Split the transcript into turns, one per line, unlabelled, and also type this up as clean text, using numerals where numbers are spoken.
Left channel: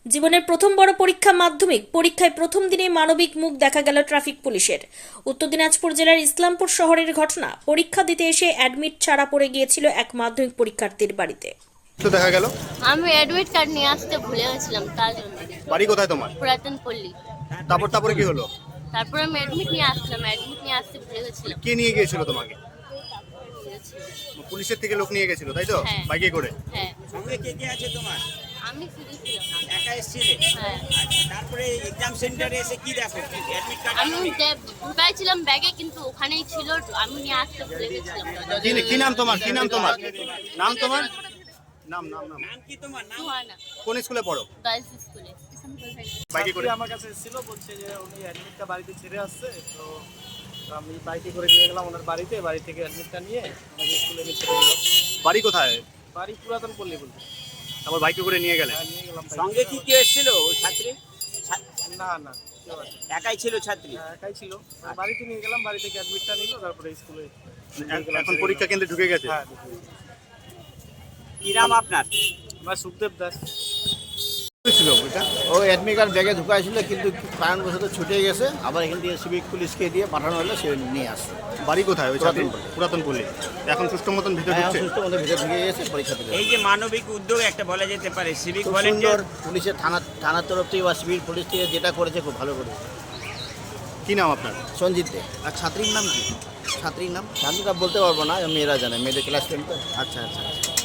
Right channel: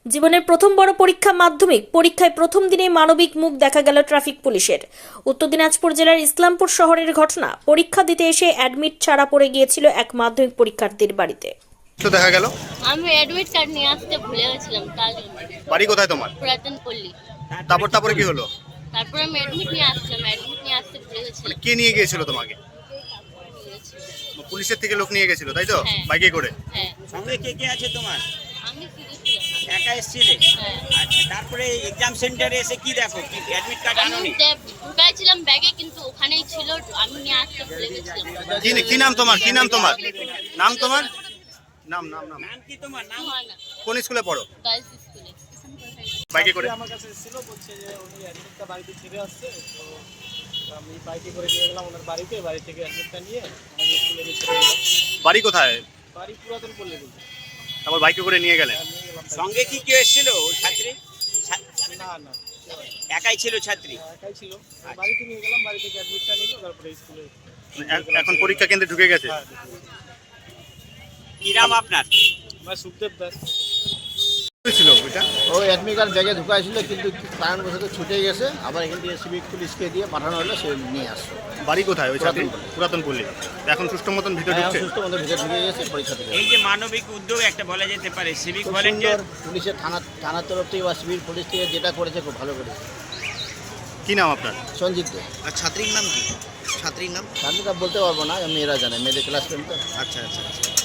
জীবনের প্রথম বড় পরীক্ষা মাধ্যমিক পরীক্ষায় প্রথম দিনে মানবিক মুখ দেখা গেল ট্রাফিক পুলিশের। উত্তর দিনাজপুর জেলার ইসলামপুর শহরের ঘটনা। পরীক্ষা দিতে এসে অ্যাডমিট ছাড়া পড়ে গিয়েছিল এক মাধ্যমিক পরীক্ষার্থীর বাড়িতে।
তো দেখা গেল
আমি অ্যাডমিট কার্ড নিয়ে আসতে ভুলে গেছিলাম, তার জন্য।
বাড়ি কোথায় তোমার?
পুরাতন পল্লী।
তারপরে কি হলো?
তারপরে আমি অ্যাডমিট নিয়ে আসলাম, অ্যাডমিট নিয়ে আসতে ভুলে গেছিলাম।
কে নিয়ে গিয়েছিল তোমাকে? পুলিশের থেকে লোক নিয়ে গেছিল, তাই তো?
হ্যাঁ।
বাইকে করে?
হ্যাঁ,
সঙ্গে কে কে আছে তোমার?
আমি শুধু ছিলাম।
একা এসেছিলে?
হ্যাঁ,
আচ্ছা, তারপরে এক্সাম সেন্টারে এসে কি দেখো? কি অ্যাডমিট কার্ড
আমি
আনোনি?
ঢুকাইছিলাম ব্যাগে, কিন্তু ওখানেই ছিল, আমি নিয়ে আসতে ভুলে গেছিলাম।
কি নাম তোমার? কি নাম তোমার? নাম তোমার? নাম নাম নাম
নাম কি তোমার? নাম?
সুহানা,
কোন স্কুলে পড়ো?
গার্লস স্কুলে।
বাইকে করে?
আমার কাছে ছিল, বলছে যে উনি অ্যাডমিটটা বাড়িতে ছেড়ে আসছে, তো আমি বাইকে করে নিয়ে গেলাম ওনার বাড়িতে। বাড়ি থেকে অ্যাডমিটটা নিয়ে আমাকে স্কুলে নিয়ে ছেড়ে দিলাম।
বাড়ি কোথায়?
বাড়ি পুরাতন পল্লী বলতে।
তারপর বাইকে করে নিয়ে গেলেন?
নিয়ে গেলাম বাইকে।
সঙ্গে কি কেউ এসেছিল ওই ছাত্রী?
না না, কেউ আসেনি।
একাই ছিল ছাত্রী?
একাই ছিল। বাড়িতে নিয়ে গেলাম, বাড়ি থেকে অ্যাডমিটটা নিল, তারপরে স্কুলে
এখন পরীক্ষা কেন্দ্রে ঢুকে গেছে?
হ্যাঁ, ঢুকে গেছি।
কি নাম আপনার?
আমার সুখদেব দাস।
ছিল ওইটা?
ও অ্যাডমিট কার্ড ব্যাগে ঢুকাইছিল, কিন্তু কারণবশত ছুটে গেছে। আবার এখান থেকে সিভিক পুলিশকে দিয়ে পাঠানো হলো, সে নিয়ে আসছে।
বাড়ি কোথায় ওই ছাত্রী?
পুরাতন পল্লী।
পুরাতন পল্লী। এখন সুষ্ঠু মতন ভিতরে
হ্যাঁ,
ঢুকছে?
সুস্থ মতো ভিতরে ঢুকে গেছে, পরীক্ষা দিতে
এই যে মানবিক উদ্যোগ একটা বলা যেতে পারে, সিভিক
খুব সুন্দর।
ভলেন্টিয়ার।
পুলিশের থানার তরফ থেকে বা সিভিল পুলিশ থেকে যেটা করেছে খুব ভালো করেছে।
কি নাম আপনার?
সঞ্জিত দে।
আর ছাত্রীর নাম কি? ছাত্রীর নাম?
আমি তা বলতে পারবো না, মেয়েরা জানে, মেয়েদের ক্লাস টেন তো।
আচ্ছা আচ্ছা আচ্ছা।